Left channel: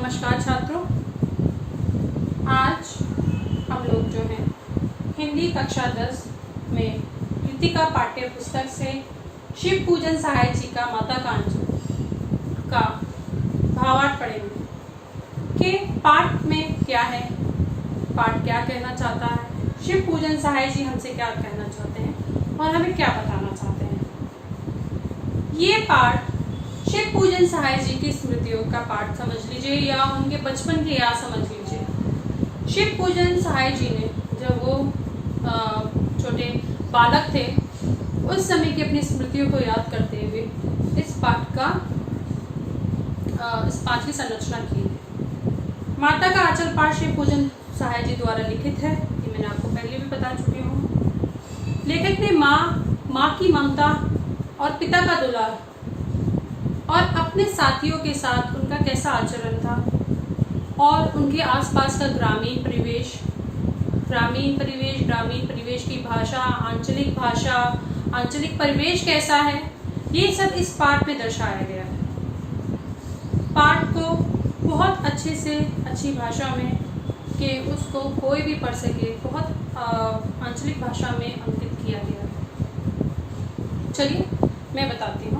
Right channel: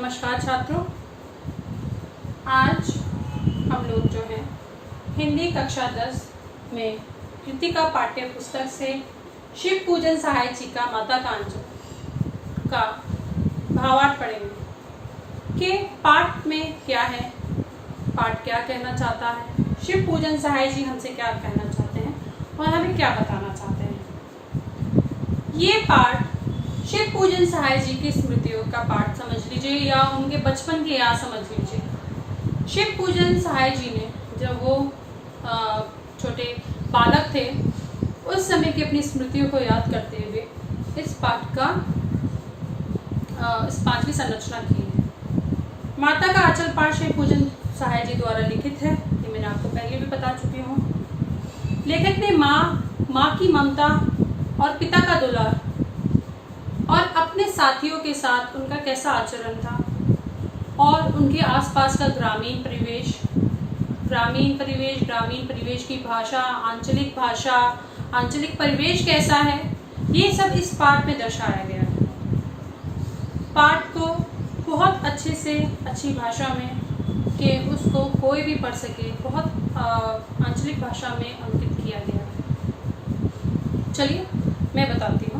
नमस्कार छात्रों, आज हम लोग जो हैं हिंदी कक्षा 10 में कृतिका पाठ्य पुस्तक से शिव पूजन सहाय जी का माता कांजू का भावार्थ पढ़ेंगे कि पाठ में क्या है, पाठ क्या कहना चाहता है, शिव पूजन सहाय जी हमसे क्या कहना चाहते हैं और हमें क्या बताना चाहते हैं। ये पाठ शिव पूजन सहाय जी की स्मृतियों का पाठ समझ लीजिए या उनके बचपन की याद समझ लीजिए। शिव पूजन सहाय जी ने जब वो छोटे बालक थे उस समय की अपनी स्मृतियों को याद करते हुए इस पाठ की संरचना की है। माता का आंचल पाठ शिव पूजन सहाय जी द्वारा लिखित है, ये मैंने आपको पहले भी बता चुकी हूँ। लेखक ने माँ की ममता और पिता का दुलार और अपने साथियों के साथ उनका कैसा आचरण था और उनके आसपास का ग्रामीण परिवेश की भाषा, आंचलिक परिवेश कैसा है, ये सब इस पाठ में दर्शाया गया है। पाठ को बहुत अच्छी भाषा में कि उसको कोई भी पढ़ सके, बहुत आंचलिक भाषा में अंकित किया गया है। चलिए मैं बताती हूँ।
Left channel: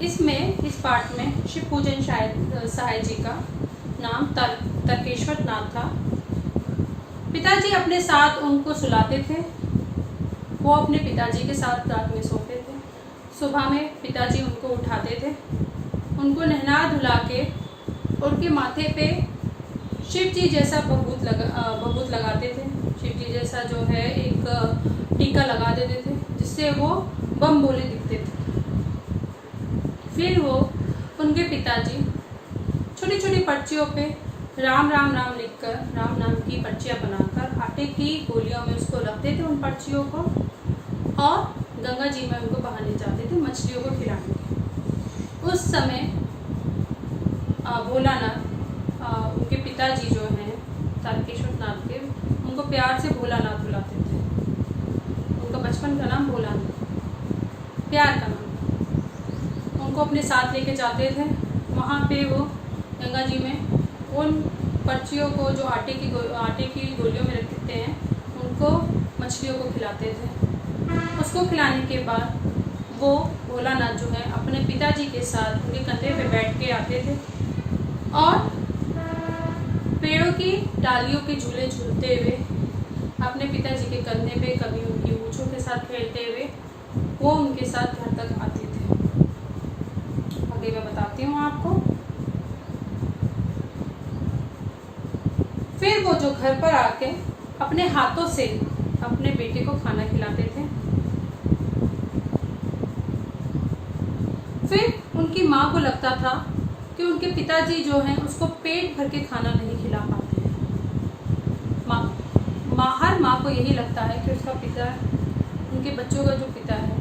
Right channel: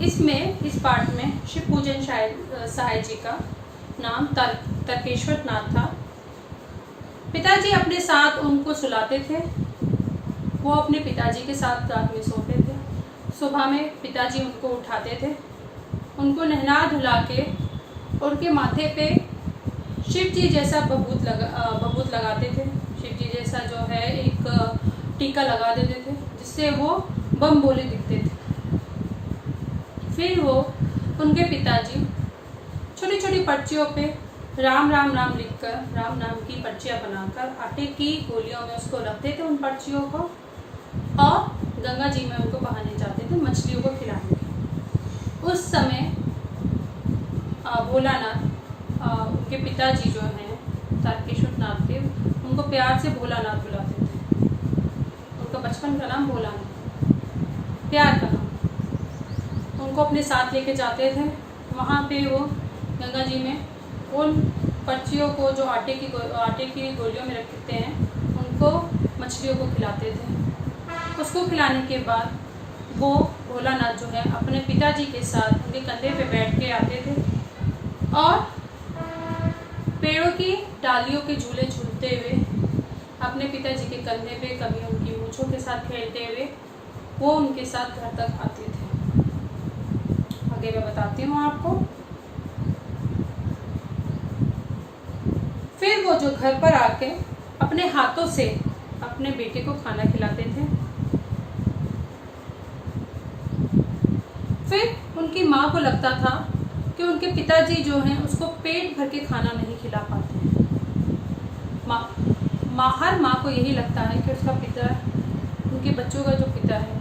इस पाठ में शिव पूजन सहाय जी का नाम तर्केश्वर नाथ था। पिताजी अपने साथ उनको सुलाते थे, वो अपने पिताजी के साथ रात में सोते थे। सुबह में पिताजी उनको उठाते थे, उनको नहला धुला के उनके माथे पे शिव जी जैसा बबूत लगाते थे। शिव जी जैसा जो है एक टीका लगा देते थे जिससे वो बम बोले दिखते थे। फिर वो उनके पिताजी छोटी छोटी पर्चियों पे राम राम राम लिखकर, राम नाम की पर्चियाँ बनाकर आटे की गोलियों में उसको रखते थे उन पर्चियों को, और गंगा जी में उनको बहाने जाते थे मछलियों को खिलाने। उस समय भोलानाथ, उनके पिताजी जो हैं तारकेश्वर नाथ के, उनको प्यार से भोलानाथ बुलाते थे। उनका बचपन का नाम भोलानाथ, प्यार का नाम। उनको अपने साथ लेके जाते थे। वहाँ पे वो गंगा जी में उन पर्चियों को जो आटे की गोलियों में रखते हैं उनको मछलियों को खिलाते थे। उसको खिलाने के बाद वो भोलानाथ जो है अपने पिताजी के साथ उनके कंधे पे बैठ के आते थे और पेड़ों की डालियों के झूले झूलते हुए अपने पिताजी के कंधे पे, कभी उनकी मूंछों के साथ खेलते हुए वो उनके साथ घर तक आते थे। आगे मैं बताती हूँ आपको। फिर वो जो घर पर आके अपने हाथों से अपने बेटे को खाना खिलाते थे। फिर उनकी माँ को लगता था कि उनके पिताजी जो हैं उसको पेट भर के खाना नहीं खिला पाते हैं। हर माँ को यही लगता है कि उसका पिता, उनके बच्चों का जो पिता है,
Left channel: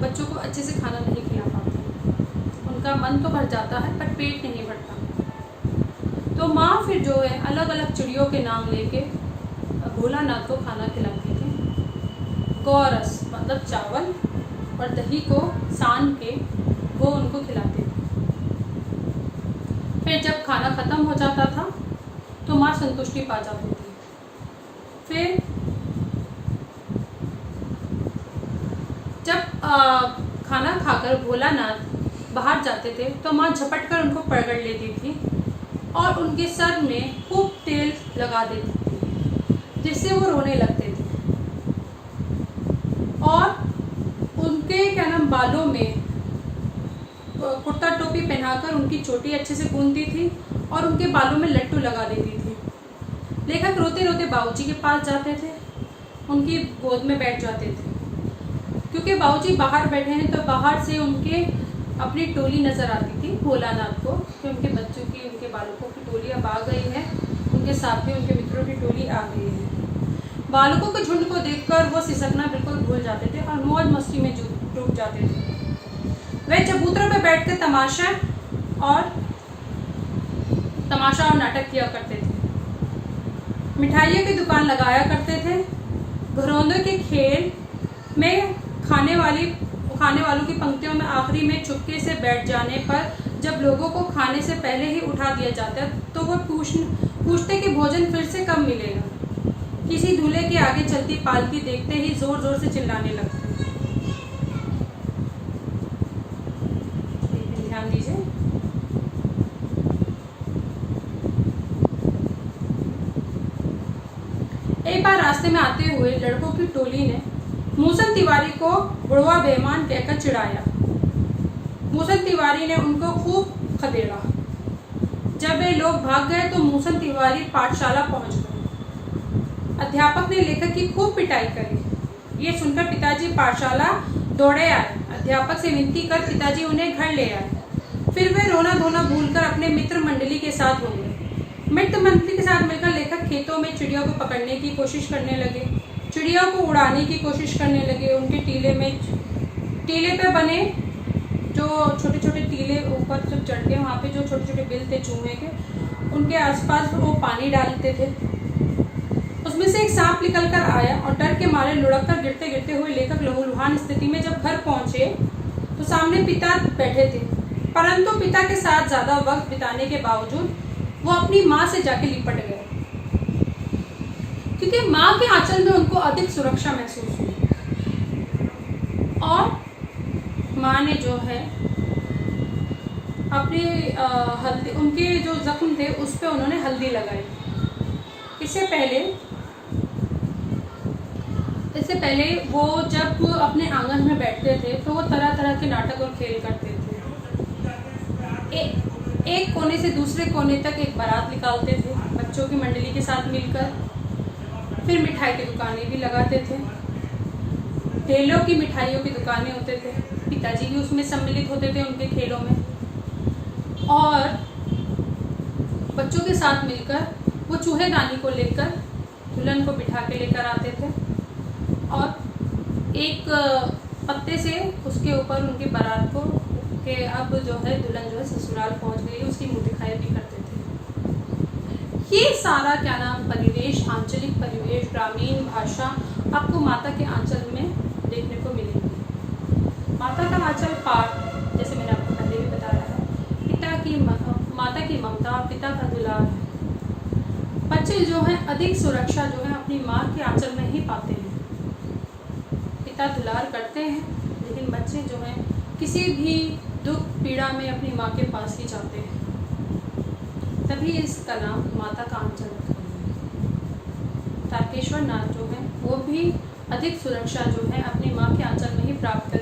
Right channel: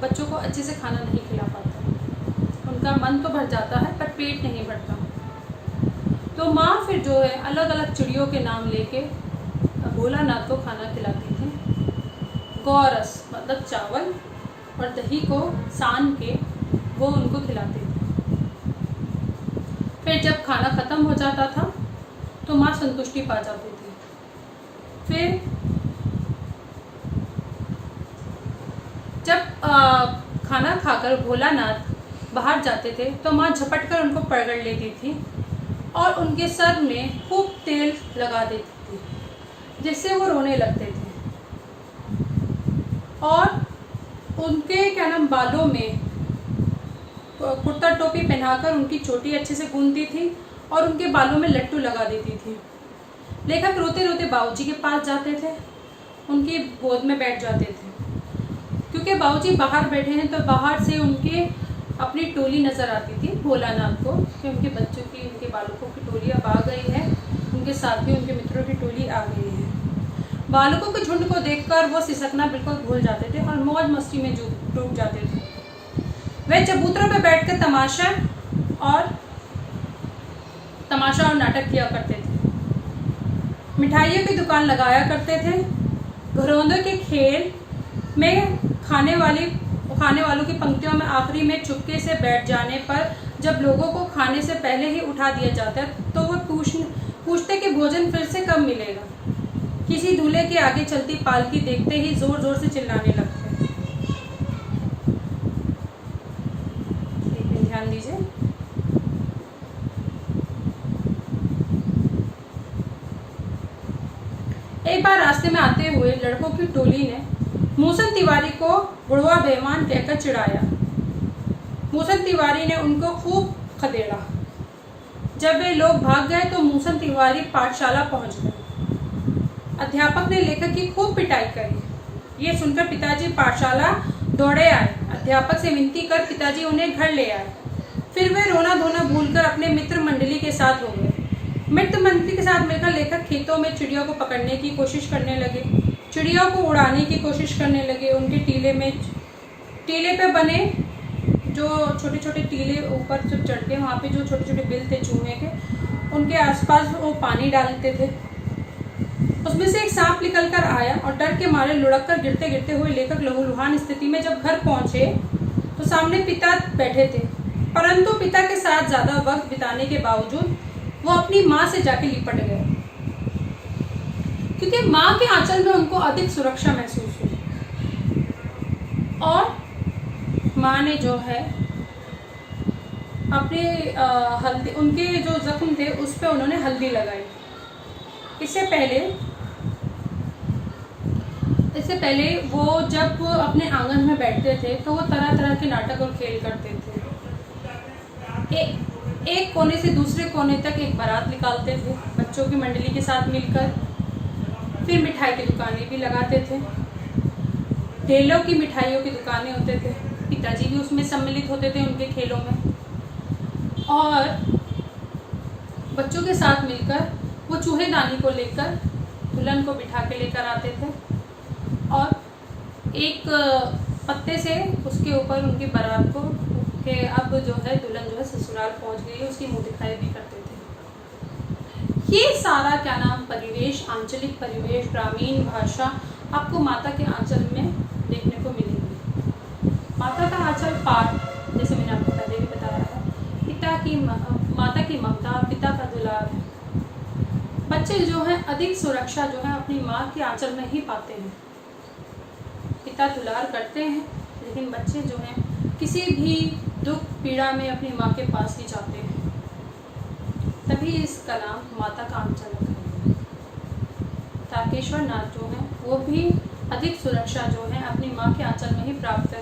बच्चों को अच्छे से खाना नहीं खिला पाता। उनका मन तो भर जाता है पर पेट नहीं भरता। तो माँ फिर जो है अलग अलग चिड़ियों के नाम लेके भोलानाथ को खाना खिलाती थी। गौरस मतलब चावल और दही को सान के वो उनको खिलाते थे। फिर जब खाना खत्म हो जाता था तो माँ संतुष्टि पा जाती थी। फिर जब खाना खाकर भोलानाथ बाहर जाते थे तो माँ झपट कर उनको पकड़ लेती थी और उनके सर में खूब तेल लगा देती थी जिससे वो रोने लगते थे। और उनके बालों में कुर्ता टोपी पहनाकर उनकी चोटी अच्छे से गूंथती थी और उनके बालों में लट्टू लगा देती थी। लेखक रोते रोते बाबूजी के पास जाते थे, उनकी गोद में बैठ जाते थे। क्योंकि बाबूजी बाहर बैठे हैं तो बाहर से उनके अपनी टोली नजर आती थी भोलानाथ को कि उनके बच्चों की, उनके बालकों की टोली अब आ गई है, उनके साथ भी उनके मित्रों की टोली आ गई है। बालकों के झुंड को देखकर वो सिसकना बिल्कुल भूल जाते थे और मौज मस्ती में डूब जाते थे। वे चबूतरों पर बैठकर तमाशा और नाटक किया करते थे। मिठाइयों की दुकान लगाया करते थे। घरौंदों के खेल में खाने वाली खाने वालों की पंक्तियों में आखिरी में चुपके से बैठ जाने पर जब लोगों को खाने से पहले ही उठा दिया जाता है तो वो पूछते कि भोजन फिर से कब मिलेगा। किसी दूल्हे के आगे चलती पालकी देखते ही जोर जोर से चिल्लाने लगते। ध्यान दीजिए। एक बार रास्ते में आते हुए लड़कों की टोली ने मूसल तिवारी को बुढ़वा बेईमान कहकर चिढ़ाया। मूसल तिवारी ने उनको खूब खदेड़ा। जब वे लोग भाग गए तो मूसल तिवारी पाठशाला पहुंच गए। अध्यापक ने लेखक की खूब पिटाई करी। ये सुनकर पिताजी पाठशाला दौड़े आए। अध्यापक से विनती कर पिताजी उन्हें घर ले आए। फिर वे रोना धोना भूलकर अपने मित्र मंडली के साथ हो गए। मित्र मंडली के साथ मिलकर लेखक खेतों में चिड़ियों को पकड़ने की कोशिश करने लगे, चिड़ियों को उड़ाने की कोशिश करने लगे। उनके टीले पे बने जो छोटे छोटे टीले ऊपर जब चढ़ के वहाँ पे जो छोटे छोटे बिल थे चूहे के, उनके आसपास वो पानी डालते थे। उसमें से एक सांप निकल कर आया और डर के मारे लुढ़क कर गिरते गिरते हुए लेखक लहूलुहान स्थिति में जब घर पहुंचे तो सामने पिता बैठे थे, परंतु पिता के साथ ज्यादा वक्त बिताने के बावजूद वो अपनी माँ से जाके लिपट गए, क्योंकि माँ के आंचल में उनको अधिक सुरक्षा महसूस हुई। और माँ ने जो है अपने हल्दी, उनके जो जख्म थे उस पे उन्होंने हल्दी लगाई। इससे पहले वो जब अपने आंगन में बैठते थे तो वो तरह तरह के नाटक और खेल करते थे। एक कोने से दूसरे कोने तक एक बारात निकालते थे बच्चों की मंडली के साथ मिलकर। फिर मिठाई की दुकानें भी लगाते थे। ढेलों की मिठाइयों की दुकानें होते थे। पिताजी भी उसमें सम्मिलित होते थे उनके खेलों में। और बच्चों के साथ मिलकर वो चूहेदानी को लेकर दुल्हन को बिठा के लेकर आते थे और एक पत्ते से उसके ऊपर उनकी बारात को कि अब जो है दुल्हन जो है ससुराल पहुंच गई है उसकी मुंह दिखाई भी करते थे। ये सारा क्या नाम परिवेश, आंचलिक परिवेश, ग्रामीण भाषा आपको माता के आंचल में देखने को मिलेगी। माता का आंचल पाठ जैसे मैंने आपको पहले भी बताया है, माता की ममता, पिता का दुलार है। बच्चे जो हैं अधिक सुरक्षा जो है अपनी माँ के आंचल में ही पाते हैं। पिता दुलार करते हैं लेकिन बच्चे जो हैं किसी भी दुख पीड़ा में अपनी माँ के पास ही जाते हैं। तभी इसका नाम माता का आंचल रखा है। तारकेश्वर नाथ जो हैं वो भी अधिक सुरक्षा जो है अपनी माँ के आंचल में ही प्राप्त